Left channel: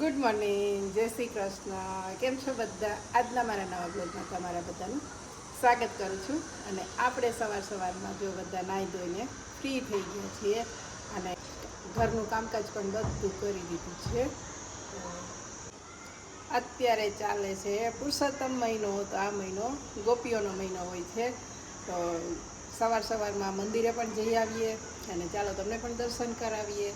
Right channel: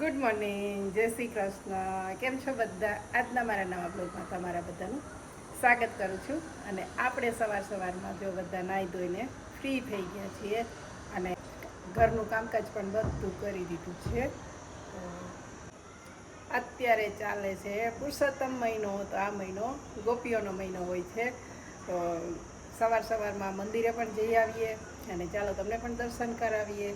Good morning, જય શ્રી કૃષ્ણ. કેમ છો બધા? આજના મારા નવા બ્લોગમાં તમારા બધાનું સ્વાગત કરું છું. અને આપણે સવારમાં જો બધા નાહી ધોઈને ફ્રી થઈ ગયા છીએ અને ઘરનું કામકાજ પણ બધું કરી દીધું છે. અત્યારે ચાલે છે પુરુષોત્તમ મહિનો. તો આ મહિનો ગોપીઓનો મહિનો હોય છે. તો સવારમાં મંદિરે પણ જઈ આવીએ અને ચાલો તમને પણ દર્શન કરાવીએ.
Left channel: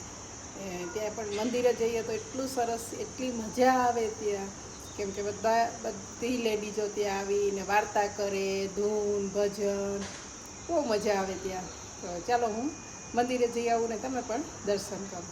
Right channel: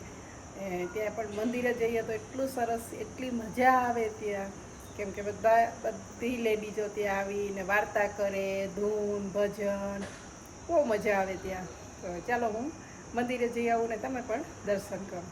ત્યાં પણ મંદિરે જઈએ તો એટલું સરસ, એટલી મજા આવે ત્યાં, કેમ કે બધી લેડીઝો ત્યાં આવીને વાર્તા કરે, ધૂન ભજન, બહુ મજા આવે ત્યાં. તો ચાલો હું મંદિરે જઈ આવું ને તમે પણ દર્શન કરો.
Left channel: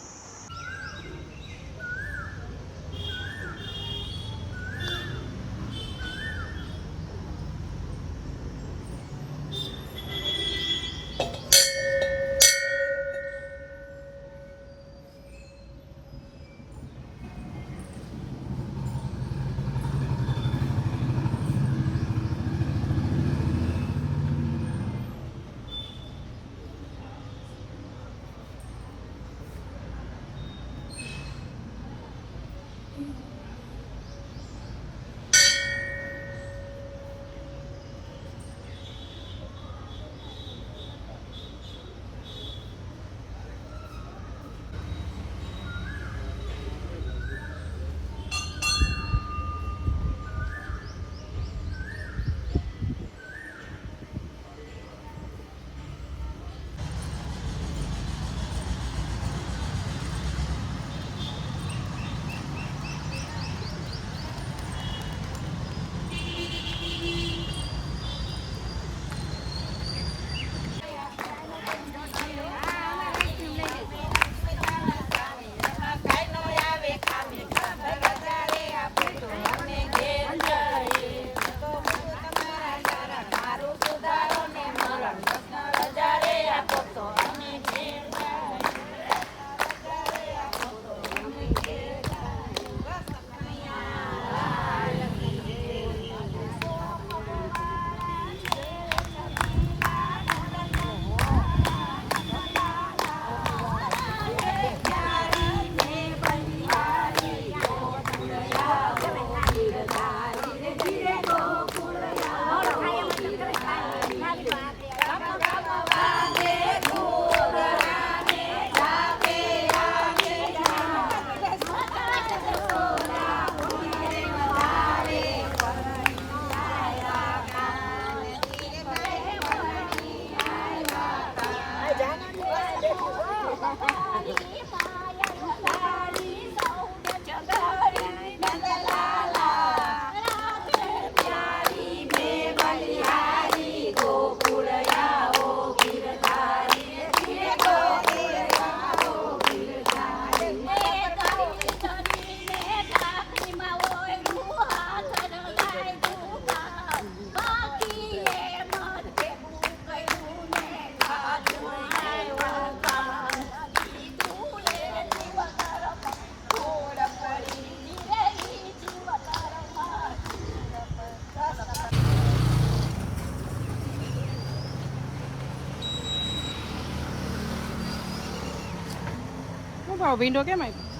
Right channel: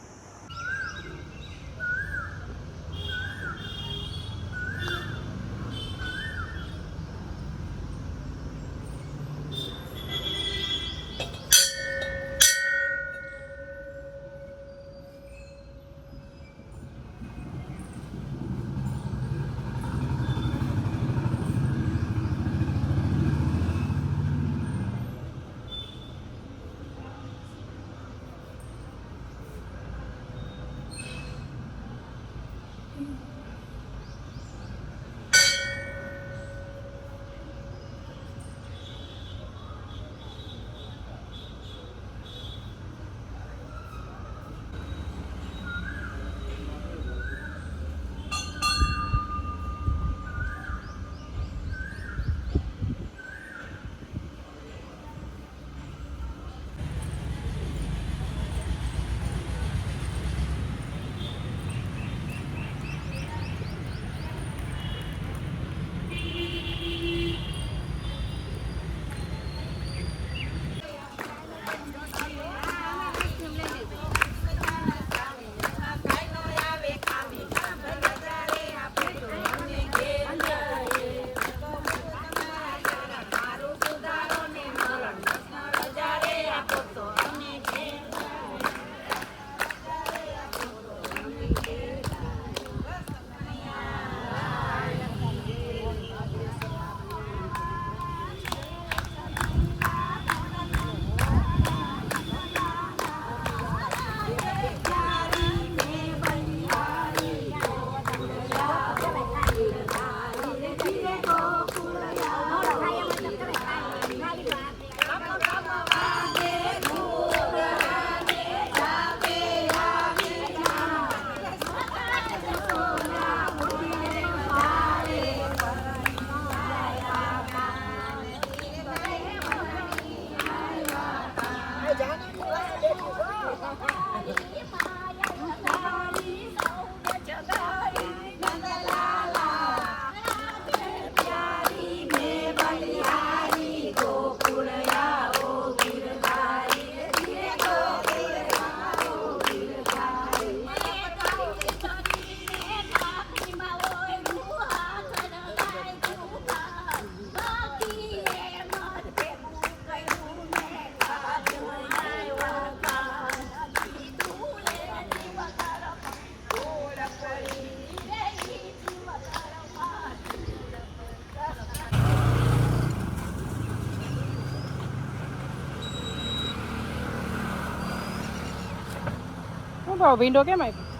શું ભાવ ભીંડો કેમ આપ્યો?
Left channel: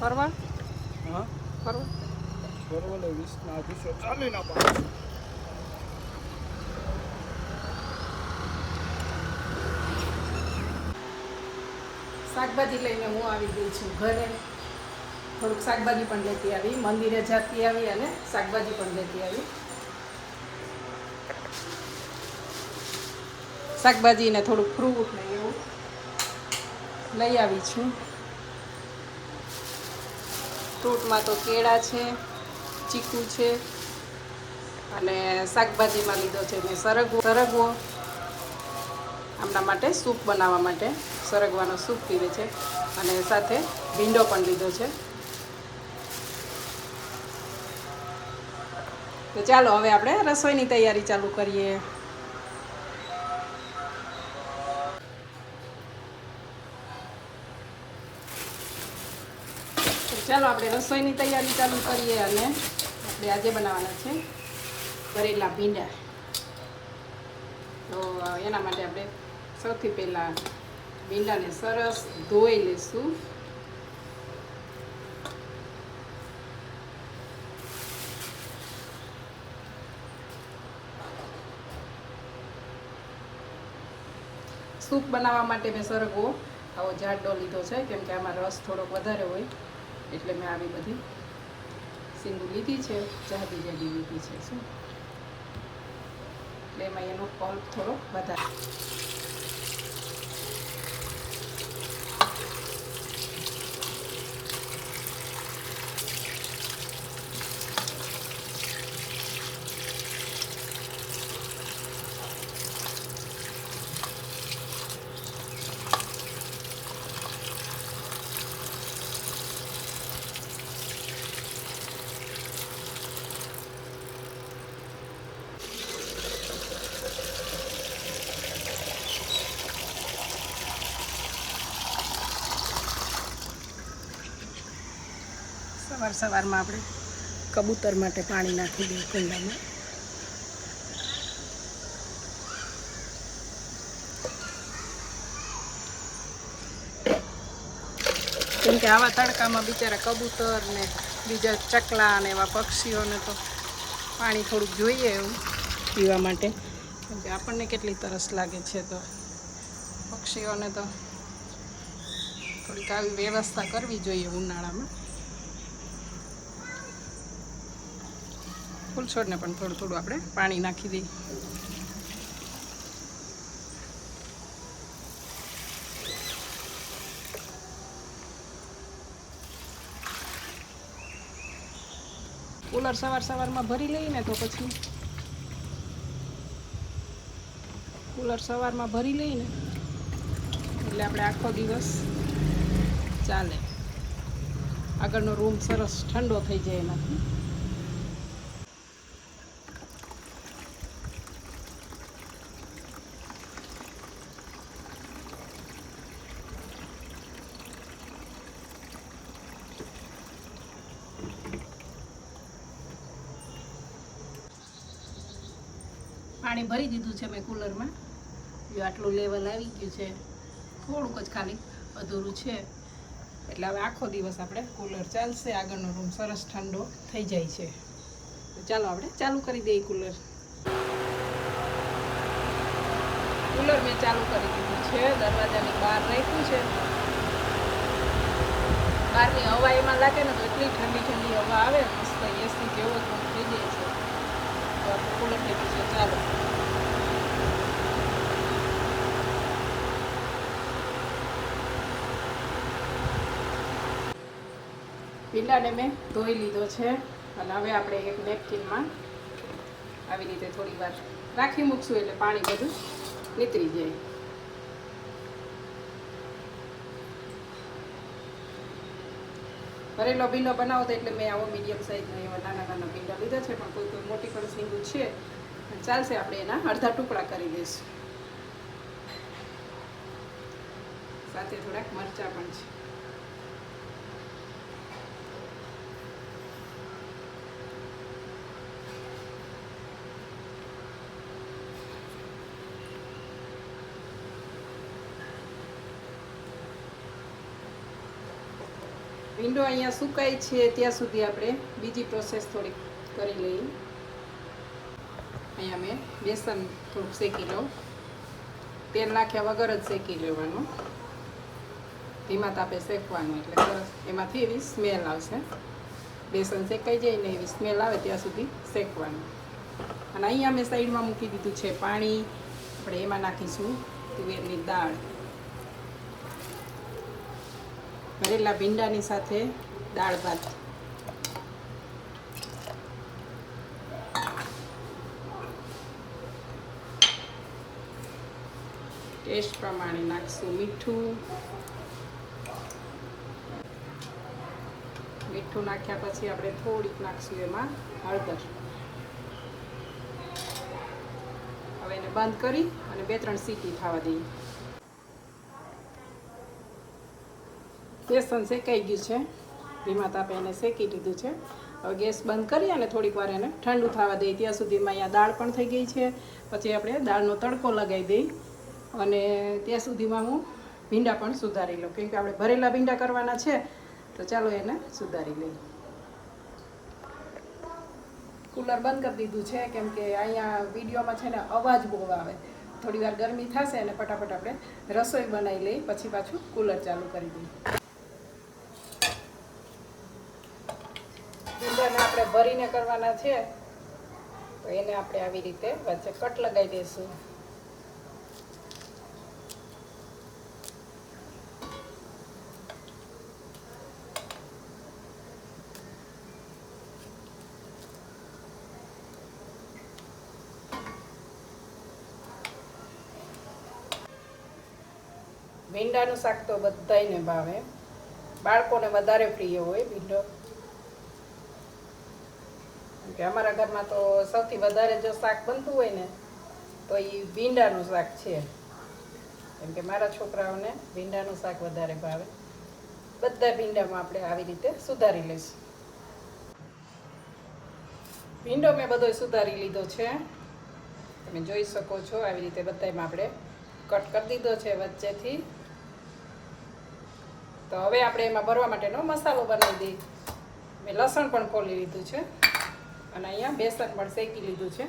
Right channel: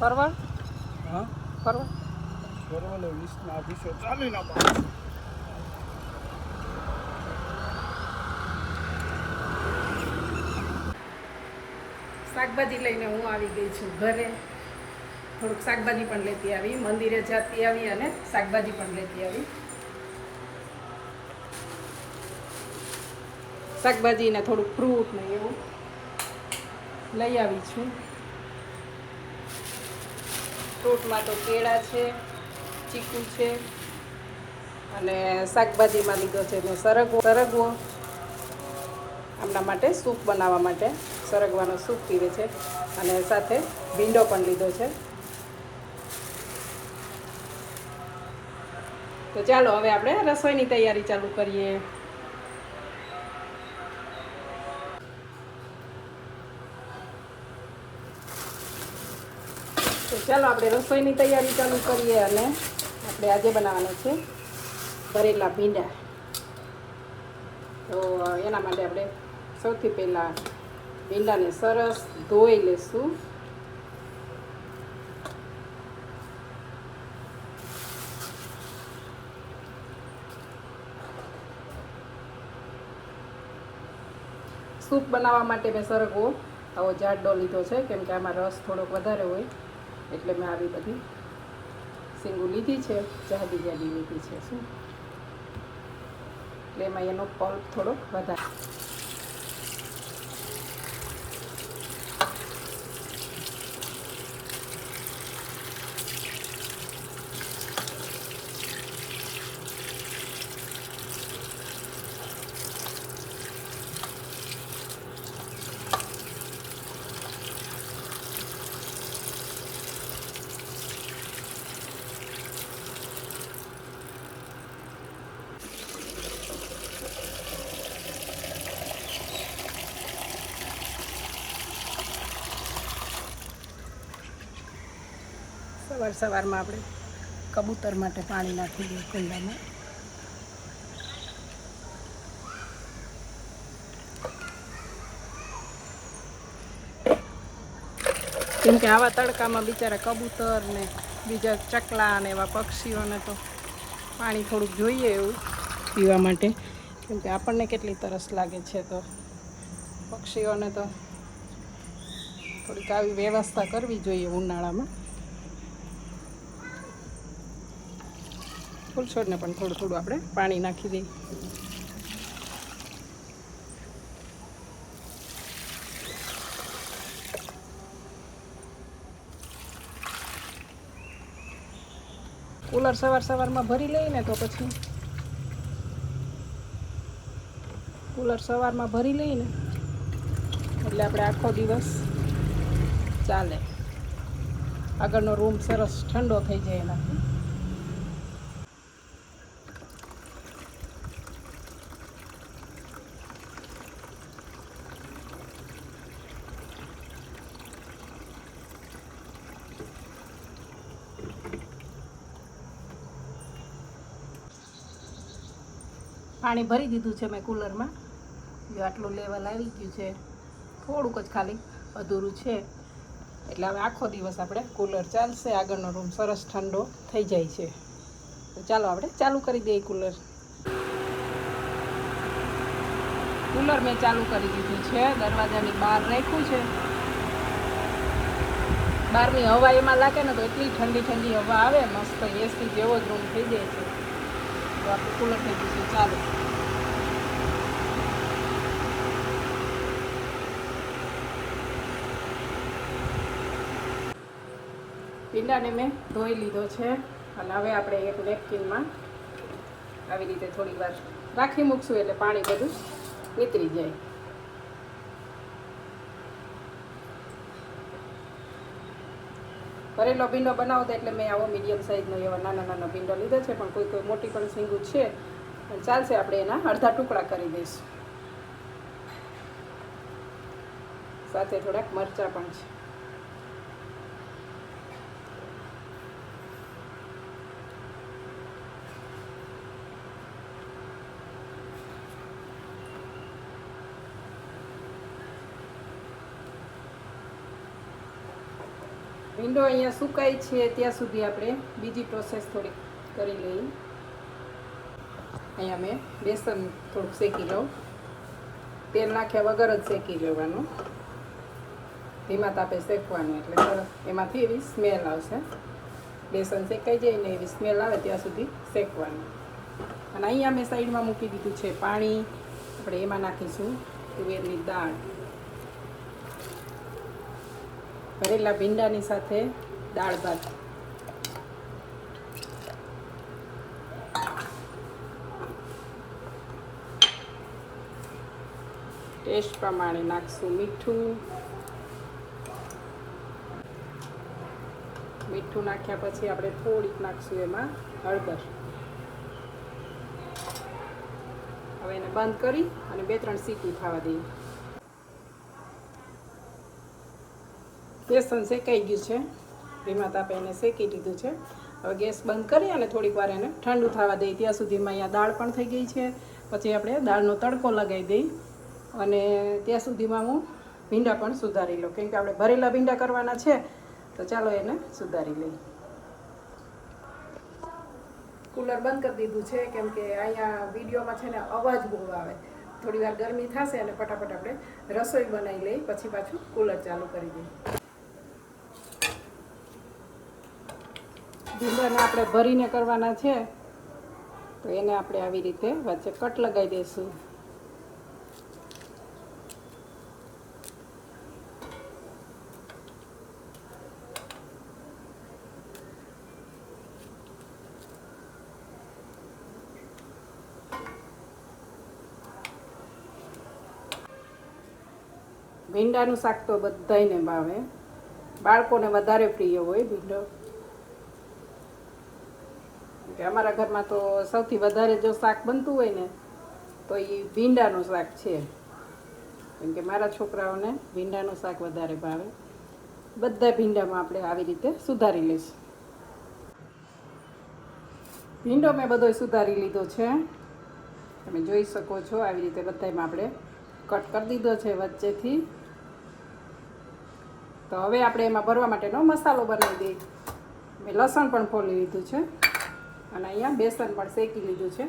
પરવળ પરવળ 20 ચાલી ના. શાકભાજી લઈને હું આવી ગઈ છું ઘરે. થોડુંક શાકભાજી પણ લેતી આવી, મંદિરે જતી આવી અને શાકભાજી પણ લેતી આવી. શાકભાજી ને થોડુંક ફ્રૂટ ને એવું લઈ આવી છું. ફ્રૂટમાં તો કેળા છે, ચીકુ છે, અને શાકભાજીમાં લીધો છે મેં સરગવો આમના માટે સૂપ બનાવવા માટે. સરગવાનો સૂપ પીવે છે. અને સાથે ભીંડો પણ લીધો છે. તો ચાલો હવે આપણે રસોઈની તૈયારી ચાલુ કરીએ. તો ચાલો આપણે રસોઈની તૈયારી ચાલુ કરીએ. અને આપણે આજે બનાવવાના છે ભરેલા ભીંડા. તો એના માટે આપણે સૌથી પહેલાં ભીંડાને સરસ ધોઈ લઈશું. સૂપ બનાવવા માટે મેં સરગવો આવો જાડો લીધો છે, કેમ કે આમાં રસ થોડોક વધારે હોય એટલે મેં આવી બધી સીંગું લીધી છે, જાડી જાડી લીધી છે. શું એટલે એમાં એનો પલ્પ થોડોક વધારે. સવારમાં આપણે કબૂતર માટે પાણી નાખી દઈએ કુંડામાં. કેમ કે આવા તડકામાં બિચારા કબૂતર ને બીજા ચકલા ને એવા પક્ષીઓને તો પાણી થોડુંક જોઈએ એવું પીવા માટે, કેમ કે આપણને કેટલી તરસ લાગે છે, તો પક્ષીઓને તો થોડીક આવી વ્યવસ્થા કરવી જોઈએ ઉનાળામાં. ફૂલ છોડને પણ થોડું થોડું આપણે પાણી નાખી દઈએ. કુલર સવારમાં ભરી લઈને તો પછી કુલર સવારમાં ભરી લઈને એટલે આપણે આખો દિવસ ચાલે. આગળનો રૂમ સરસ ઠંડો થઈ જાય એનાથી. પાણી ભરી દીધું છે મેં કુલરમાં. જો આટલું લેવલ આવી ગયું છે, થોડુંક જ ખાલી અધૂરું છે, એટલે હવે આખો દિવસ આપણે કુલર ચાલશે. આગળનો રૂમ સરસ ઠંડો થઈ જાય છે. તો ચાલો આપણે ચાલુ કરી દઈએ કુલર. કુલર મેં ચાલુ કરી દીધું છે, દરવાજાની બહાર રાખ્યું છે. બહારની હવા એમાં લાગે ને તો એટલી ઠંડી ઠંડી હવા આવે, મસ્ત એસી જેવો જ રૂમ થઈ જાય છે. તો આપણે કુલર થઈ ગયું છે ચાલુ. ભીંડાને મેં ધોઈ લીધો છે અને હવે આપણે એક નેપકિનમાં આવી રીતે થોડી વાર રાખી મૂકશું એટલે પાણી બધું નીતરી જાય. ભરેલો ભીંડો બનાવો તો એટલે મેં આવો મીડિયમ સાઇઝનો એવા નાના નાના ભીંડા લીધા છે, પણ કોઈ મોટી પણ સીંગું છે ચાલશે. આપણે એના અડધા ટુકડા કરી દઈશું. સાથે થોડાક મરચાં પણ છે. ભીંડો અહીંયા સુકાય છે ત્યાં સુધી આપણે બીજી પ્રોસેસ થોડીક કરી લઈએ. અહીંયા મેં બેસન થોડુંક શેકી લઉં. તેલ નાખ્યા વગર જ શેકી લેવાનું, ધીમા તાપે શેકવાનું, એટલે સરસ એમાંથી એવી સ્મેલ આવશે. બેસન શેકાઈ જાય ને એવી સ્મેલ આવે ત્યાં સુધી શેકવાનું. અને અહીંયા મેં સાઈડમાં મૂકી દીધું છે પાણી. આપણે એમાં નાખીશું તુવેરની દાળ. ભરેલા ભીંડાની સાથે દાળ ભાત. ટેસ્ટ પ્રમાણે નાખશું મીઠું. મીઠું નાખ્યા પછી આપણે થોડીક નાખશું એમાં હળદર. હવે એને બંધ કરી અને 2-3 સીટી થવા દઈએ. બેસન શેકાઈ ગયું છે, ધીમા તાપે એને શેકી લીધું છે. હવે ગેસ બંધ કરી અને થોડીક વાર એને ઠંડુ થવા દઈએ. ત્યાં સુધીમાં અહીંયા દાળ પણ થઈ ગઈ છે. પછી આપણે દાળનો તડકો લગાવી દઈ અને ત્યાં સુધીમાં હું ભીંડા પણ સુધારી લઉં, કેમ કે આપણે ભરેલા ભીંડા કરવાના છે. તો ચાલો એને સુધારી લઈએ. કુલર બંધ કરી દીધું છે, કેમ કે અહીંયા વિડીયોમાં છે ને અવાજ બહુ આવે. થોડી વાર ગરમી થશે અને ફટાફટ આપણે રસોઈ બનાવી લઈ, પછી પાછું કુલર ચાલુ કરી દઈએ. ભીંડાને આપણે ભરીને કરવાના છે, તો એને આપણે આવી રીતે વચ્ચે કટ લગાવી દઈશું. ભીંડાનું શાક તો બધાયને ભાવે, બાળકોને વધારે પ્રિય હોય ભીંડો. કે અમારા ઘરમાં તો સૌથી વધારે જો શાક બનતું હોય ને તો એ ભીંડાનું શાક છે, કેમ કે મારા છોકરાઓને ભીંડાનું શાક વધારે ભાવે. બધા ભીંડામાં આપણે આવી રીતે સુધારી લઈશું. ભીંડો મેં બધો સુધારી લીધો છે, તમે જોઈ શકો છો. આવી રીતે બધામાં આપણે કટ કરી દીધો છે વચ્ચેથી. તો હવે આપણે એમાં ભરવા માટેનો મસાલો બનાવી દઈએ. મેં લસણ પણ ફોલી લીધું છે અને અહીંયા બેસન પણ શેકી લીધું છે.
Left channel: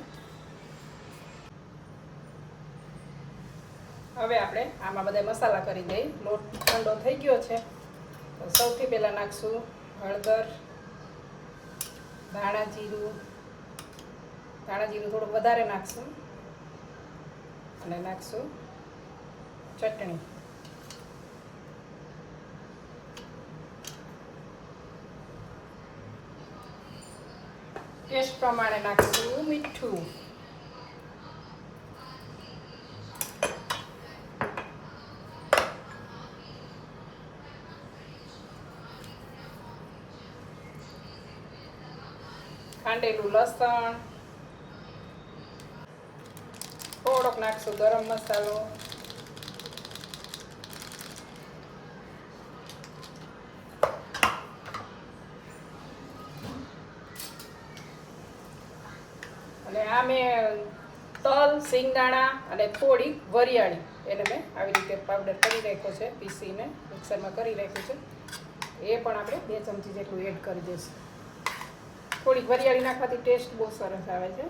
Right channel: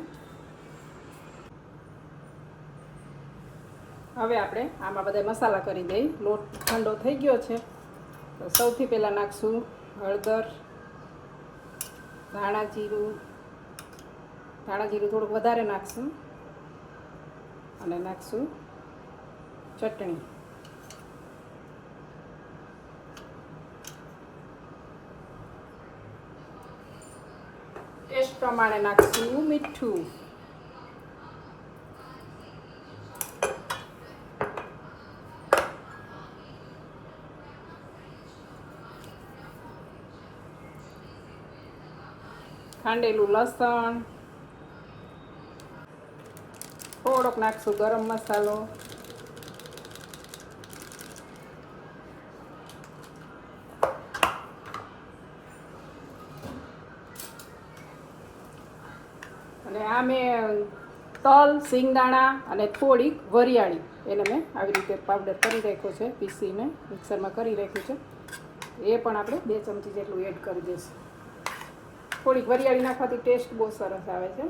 હવે આપણે આમાં બધા મસાલા કરી દઈએ. લોટ ઠંડો થઈ ગયો છે, તો સૌથી પહેલાં નાખશું હળદર, ધાણા જીરું થોડુંક વધારે નાખશું અને નાખશું ચટણી. ટેસ્ટ પ્રમાણે નાખશું મીઠું. ખાંડેલું લસણ, થોડોક નાખશું ગરમ મસાલો, અને આ મેં તલ, સિંગદાણા અને થોડીક વરિયાળી એને મેં આવી રીતે પાવડર કરી રાખ્યો છે, પીસીને મિક્સરમાં કરી રાખ્યું છે. એ પણ આપણે 2 ચમચી જેટલું એડ કરી દઈશું. થોડીક વરિયાળી નાખવાથી ટેસ્ટ બહુ સરસ આવે છે.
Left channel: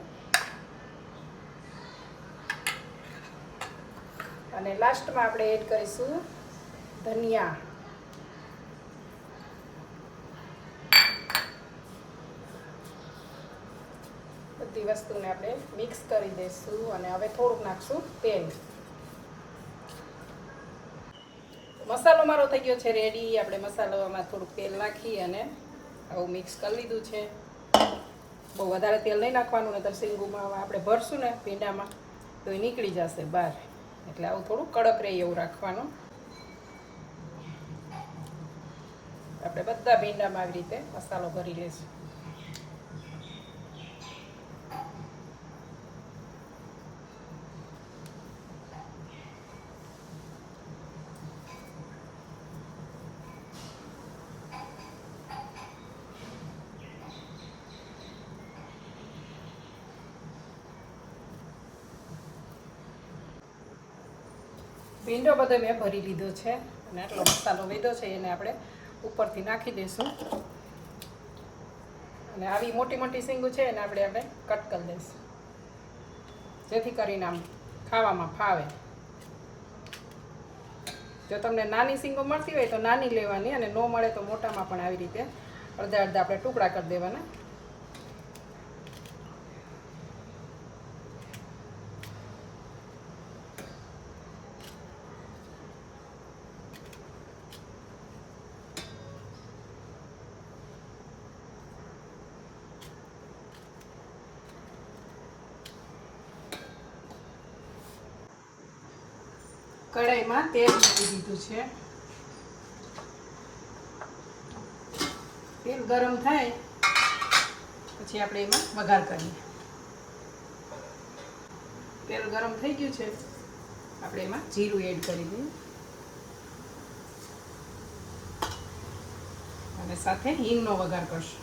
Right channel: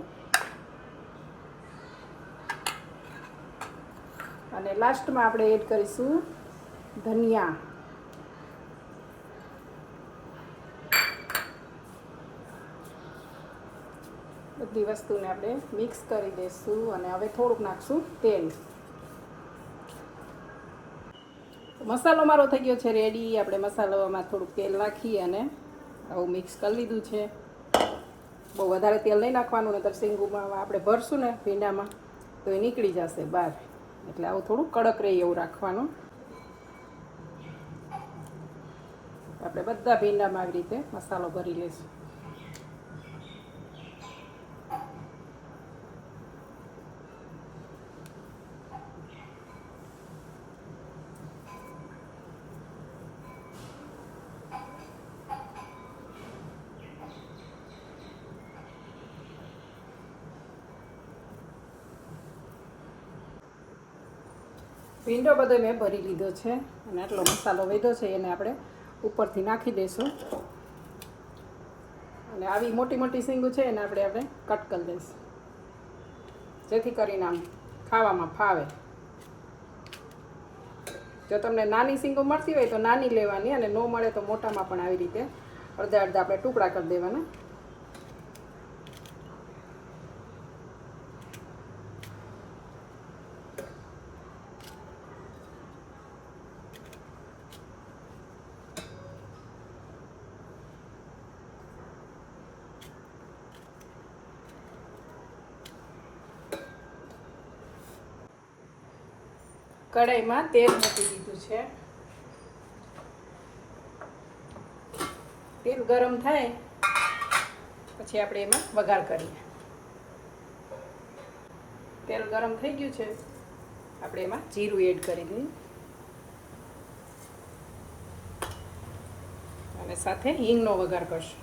અને લાસ્ટમાં આપણે એડ કરીશું ધનિયા. બધી વસ્તુને આપણે મિક્સ કરી દઈશું અને હવે થોડુંક નાખશું તેલ. મસાલો મારો થઈ ગયો છે રેડી. આપણે મસાલોમાં થોડુંક તેલ નાખી અને આવું મિક્સ કરી લીધું છે. બહુ વધારે તેલ નહીં નાખવાનું, નહીંતર શીંગુમાં આપણે ભરશું ને ભીંડામાં તો એ નીકળી જશે બહાર. એટલે આવું થોડું કડક રહે એવું રાખવાનું. આપણે બધા ભીંડામાં આવી રીતે મસાલો ભરી લઈશું. ભીંડો બધો મેં ભરી લીધો છે અને આટલો મસાલો વધ્યો છે એને આપણે ઉપરથી નાખી દઈશું. અને આવી મોટી મોટી શીંગું છે એને આપણે કટ કરી દઈશું, જેથી કરીને આમ ખાવામાં ફાવે. જો તમને નાની શીંગું મળતી હોય તો નાની લેવાની, અને ન મળે તો મોટામાં પણ આવી રીતે અડધા અડધા આપણે ટુકડા કરી દેવાના. કઢાઈમાં તેલ મૂકી દીધું છે. તેલ ગરમ થાય પછી આપણે એમાં વઘાર કરીએ. તેલ ગરમ થઈ ગયું છે, આપણે એમાં જીરું એડ કરી દઈએ અને સાથે હિંગનો વઘાર કરશું.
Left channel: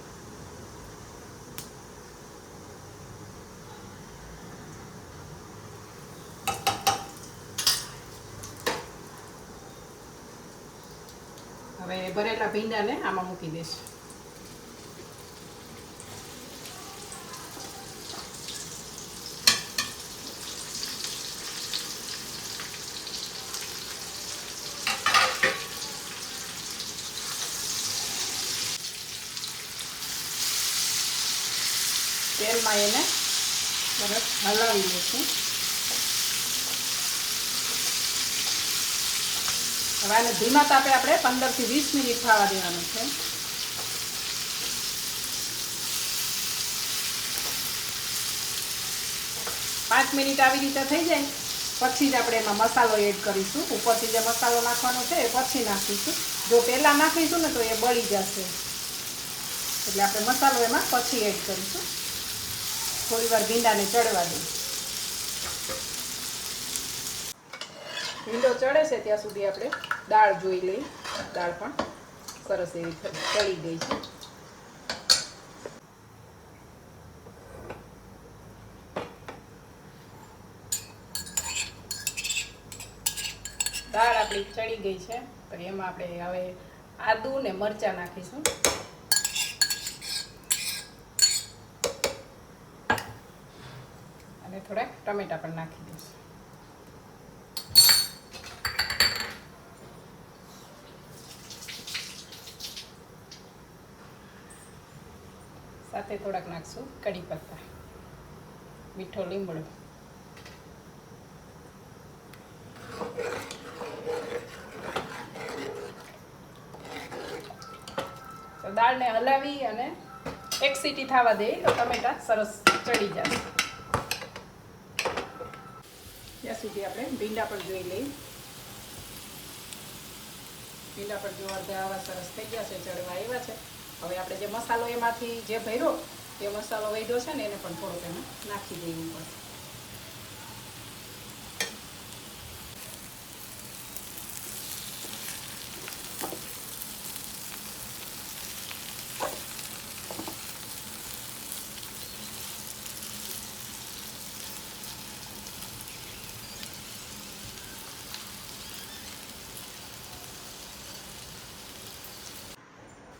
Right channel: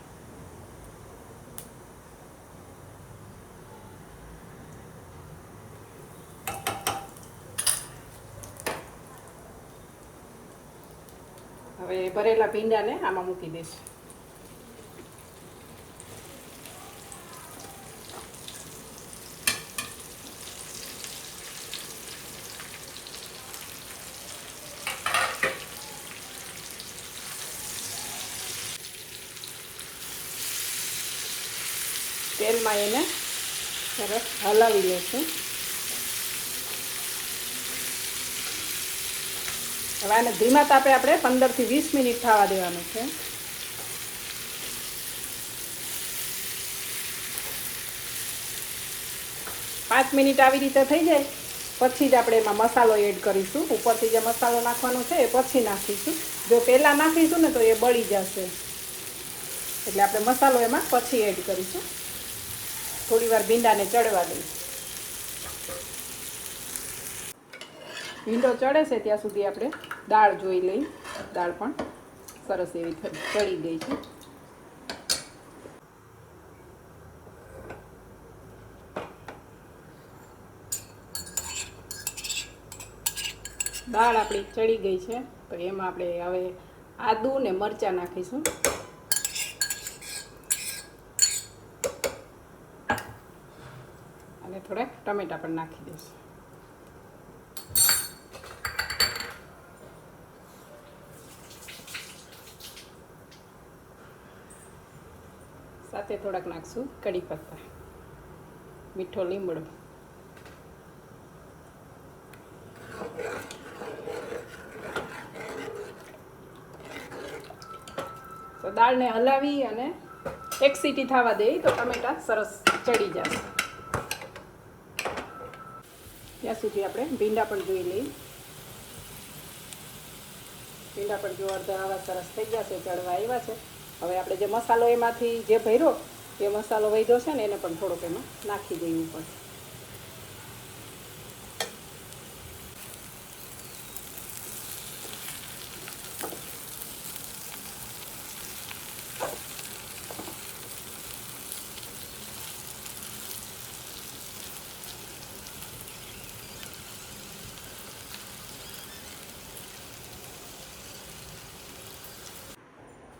હવે ભરેલા ભીંડાને આમાં મૂકી દઈશું. તેલમાં એને સરસ હલાવી લઈશું. હવે આને ધીમા તાપે આપણે 15 થી 20 મિનિટ થવા દેવાનું છે. પાંચ મિનિટ આવી રીતે થઈ જાય પછી જ આપણે એમાં મસાલો એડ કરીશું. ઉપરથી જે મસાલો નાખવાનો છે એ પછી નાખીશું. જો પહેલાં નાખીશું ને તો એ બળી જશે, એટલે આપણે મસાલો એમાં પછી એડ કરીશું. થોડી વાર ભીંડાને ચડવા દઈશું. ભીંડો ચડે છે ત્યાં સુધી આપણે દાળ જોઈ લઈ. દાળ પણ સરસ એવી ચડી ગઈ છે. દાળ આપણી ચડી ગઈ છે તો એમાં આપણે હવે આદુ ને મરચાં નાખીશું. અને થોડાક ટમેટા પણ નાખી દઈશું. સાથે થોડાક નાખશું કડી પત્તા, મીઠો લીમડો. તો દાળને હલાવી અને એક સીટી થવા દઈએ તો ટમેટા સરસ ચડી જશે. ત્યાં સુધી આપણે ભીંડા પણ જોઈ લઈએ. ભીંડા પણ જો અડધા આવા સરસ થઈ ગયા છે, ચડવા આવ્યા છે. હવે આપણે જે મસાલો એમાંથી જે ભર્યો એ મસાલો વધ્યો છે ને એને પણ થોડોક એમાં નાખી દઈએ ઉપર.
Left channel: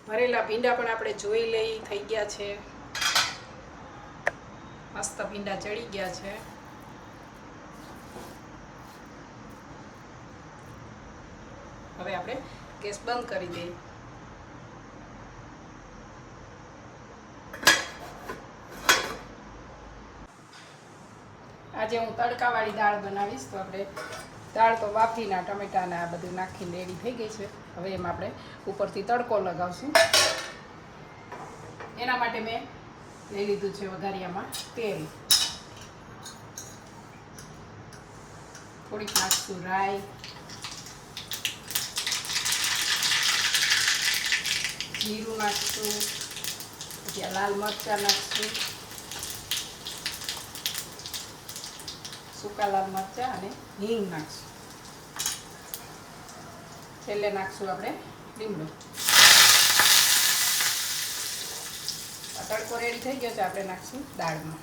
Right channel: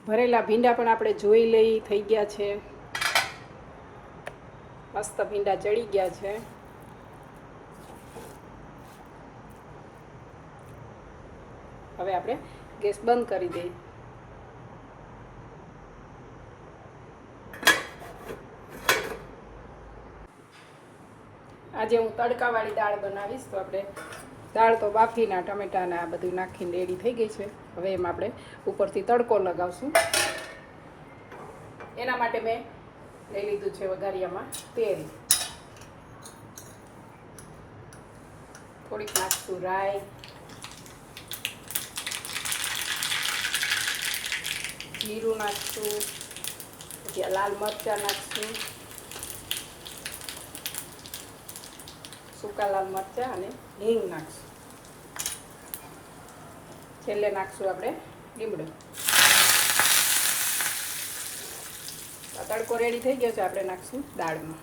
ભરેલા ભીંડા પણ આપણે જોઈ લઈ થઈ ગયા છે. મસ્ત ભીંડા ચડી ગયા છે. હવે આપણે ગેસ બંધ કરી દઈએ. આજે હું તડકાવાળી દાળ બનાવીશ. તો આપણે દાળ તો બાફીના ટમેટાને આ બધું નાખીને રેડી થઈ ગઈ છે. હવે એમાં આપણે ઉપરથી તડકો લગાવશું. એના માટે મેં લઈ લીધું છે વઘારિયામાં તેલ. થોડીક નાખશું રાઈ, જીરું નાખશું, પછી લાલ મરચાં નાખશું, સૂકા લાલ મરચાં અને હિંગ નાખશું. છેલ્લે નાખશું આપણે લીમડો. તડકો રેડી થઈ ગયો છે. આપણે નાખશું દાળમાં.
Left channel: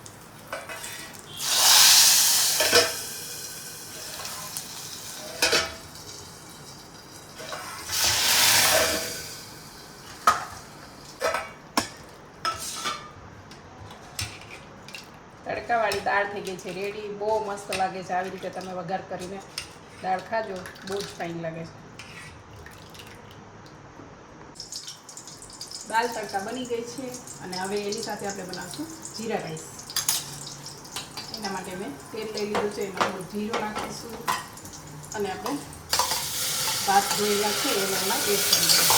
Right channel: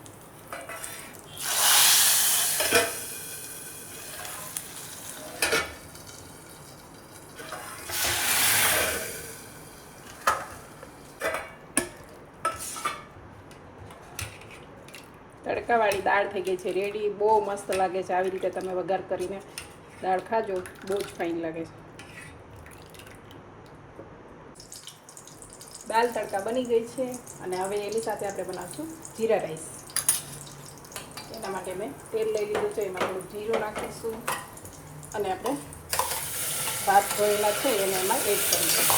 તડકાવાળી દાળ થઈ ગઈ છે રેડી. બહુ મસ્ત લાગે છે. આવી રીતે તમે વઘાર કરીને દાળ ખાજો, બહુ જ ફાઇન લાગે છે. દાળ તડકા બની ગઈ છે અને હવે એની સાથે આપણે બનાવશું જીરા રાઈસ. એના માટે મેં તેલ લઈ લીધું છે. એમાં થોડું જીરું નાખીશું અને આપણે ભાત ધોયેલા છે એને એમાં એડ કરીશું.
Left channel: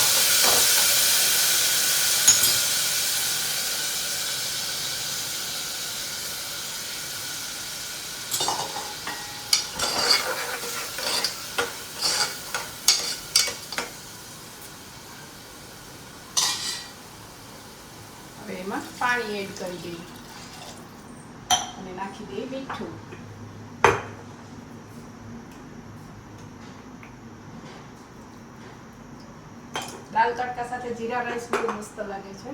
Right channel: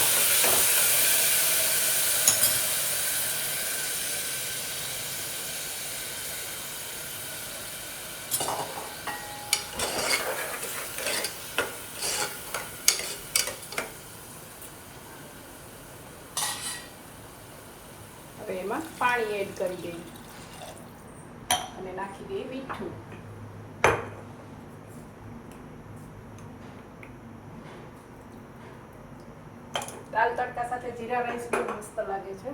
હવે એમાં પાણી એડ કરી દઈએ અને નાખી દઈએ મીઠું. દાળ તડકા સાથે જીરા રાઈસ બહુ મસ્ત લાગે છે.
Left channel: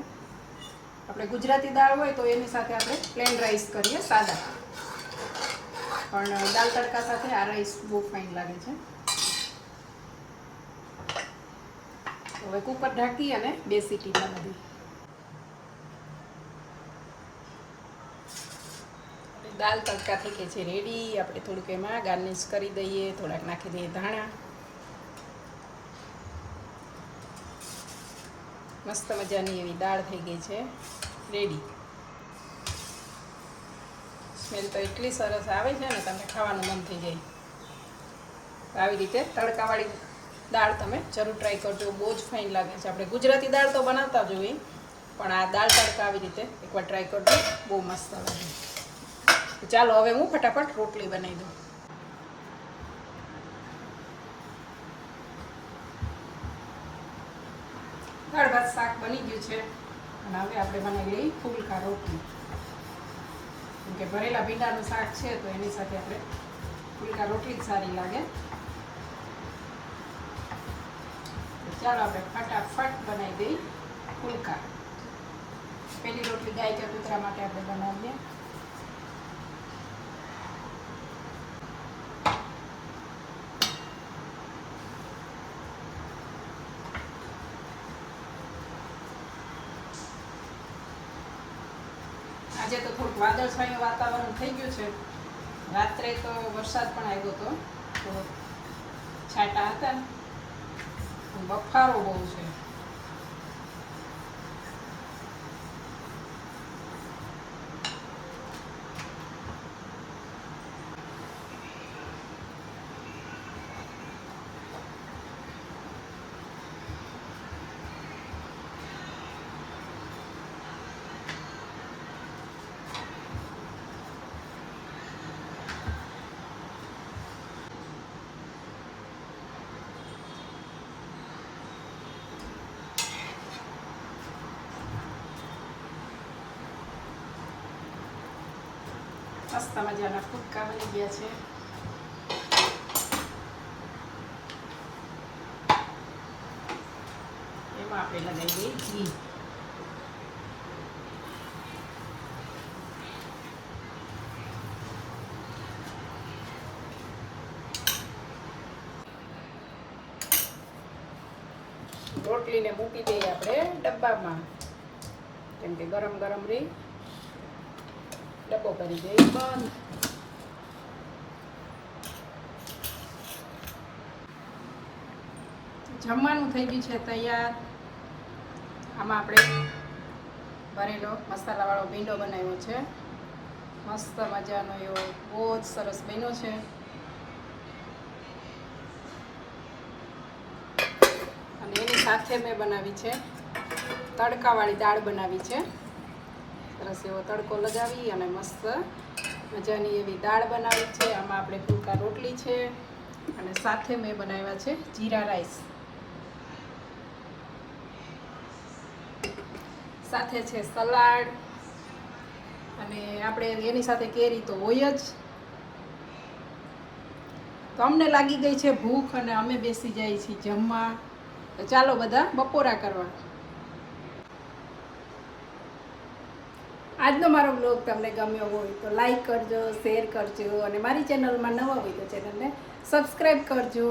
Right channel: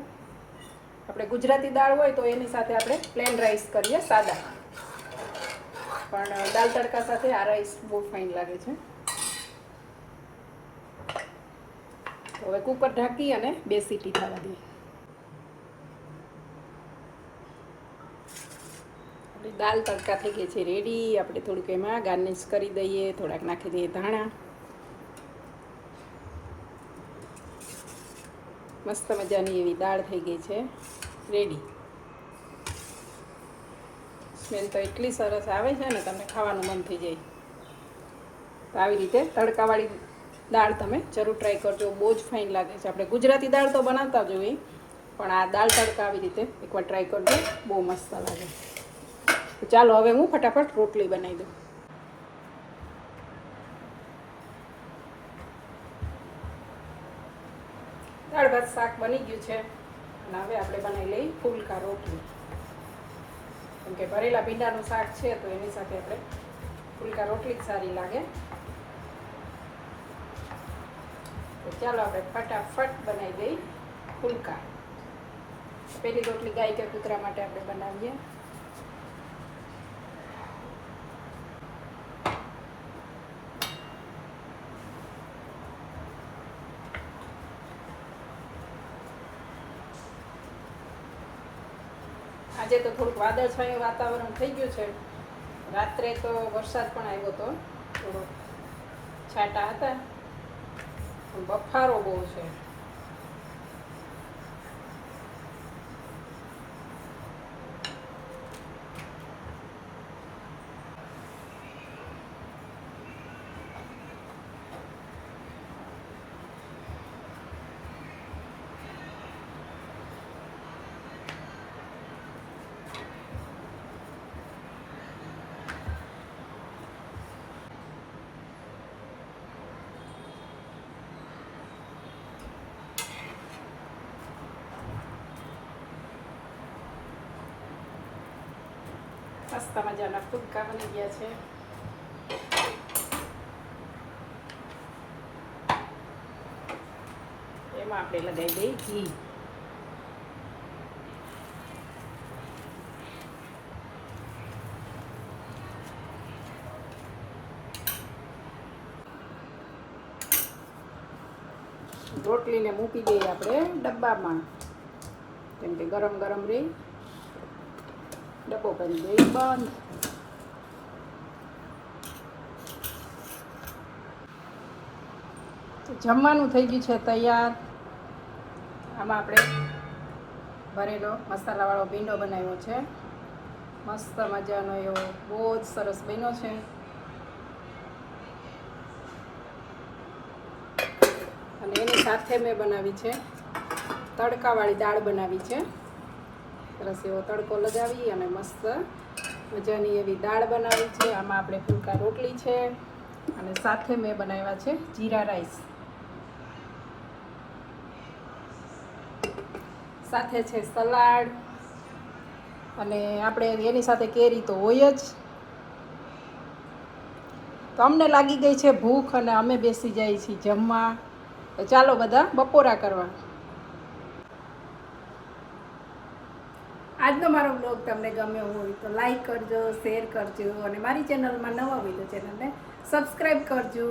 આપણે ગુજરાતી દાળ હોય તો એની સાથે આપણે પ્લેન રાઈસ કરીએ સાદા, પણ દાળ તડકા સાથે આ રાઈસ બહુ ફાઇન લાગે છે. હવે કુકર ઢાંકી અને 2 સીટી થવા દઈએ. દાલ તડકા થઈ ગઈ છે રેડી. આપણે થોડુંક એમાં ગાર્નિશ કરી દઈએ, થોડાક નાખી દઈએ ધાણા. મસ્ત મજાની એવી દાળ થઈ ગઈ છે રેડી. સ્મેલ તો એટલી સરસ આવે છે ને તમને ખાવાનું મન થઈ જાય. તો આવી રીતે તડકાવાળી દાળ તમે જરૂર ટ્રાય કરજો. બહુ જ ફાઇન લાગે છે. આપણે ગુજરાતી દાળ તો બનાવતા જ હોઈએ, પણ આ દાળ તડકા આવી રીતે એકવાર ટ્રાય કરજો, બહુ મસ્ત લાગે. ચાલો હવે હું ફટાફટ રોટલી બનાવી દઉં. દાળ ભાત શાક બની ગયું છે અને હવે આપણે બનાવી લઈ ફુલકા રોટલી. કેમ કે ભરેલા ભીંડાનું શાક છે તો એની સાથે આપણે ફુલકા રોટલી જ સારી લાગે. તો ચાલો આપણે ફટાફટ બનાવી દઈ ફુલકા. પહેલી રોટલી ગાય કે કૂતરા માટે આપણે બનાવીએ. આજે તો થોડુંક વાદળછાયું વાતાવરણ થઈ ગયું છે. રાત્રે તો વરસાદ પણ આવ્યો હતો, થોડો છાંટા હતા. બફારો બહુ છે. મસ્ત મજાના ફુલકા બની ગયા છે. એમાં આપણે લગાવી દઈએ ઘી. રોટલીને મૂકી દઈએ આપણે ડબ્બામાં, કેમ કે ગરમ ગરમ રહી. ડબ્બો કરી દઈએ બંધ. જમવાનું થઈ ગયું છે તૈયાર. આમાં આપણે ભરેલો મસાલાવાળો ભીંડો બનાવ્યો છે. મસ્ત મજાનો એવો બહુ જ સરસ બન્યો છે. અને એની સાથે મેં બનાવી છે તડકાવાળી દાળ બનાવી છે. સરસ એવો તડકો લગાવી અને મસ્ત મજાની એવી દાળ બનાવી છે. આમાં આપણે ફુલકા રોટલી છે અને સાથે મેં બનાવ્યા છે જીરા રાઈસ. સાથે છે સલાડ અને આપણે એની સાથે કેરી તો હોય જ. તો અમને લાગી ગઈ છે ભૂખ અને અમે બેસી જઈએ છીએ જમવા. તો ચાલો બધા બપોરા કરવા. આજનો મારો બ્લોગ તમને ગમ્યો હોય તો લાઈક કરજો, શેર કરજો અને મારી ચેનલમાં નવા હોય તો ચેનલને સબસ્ક્રાઈબ કરજો.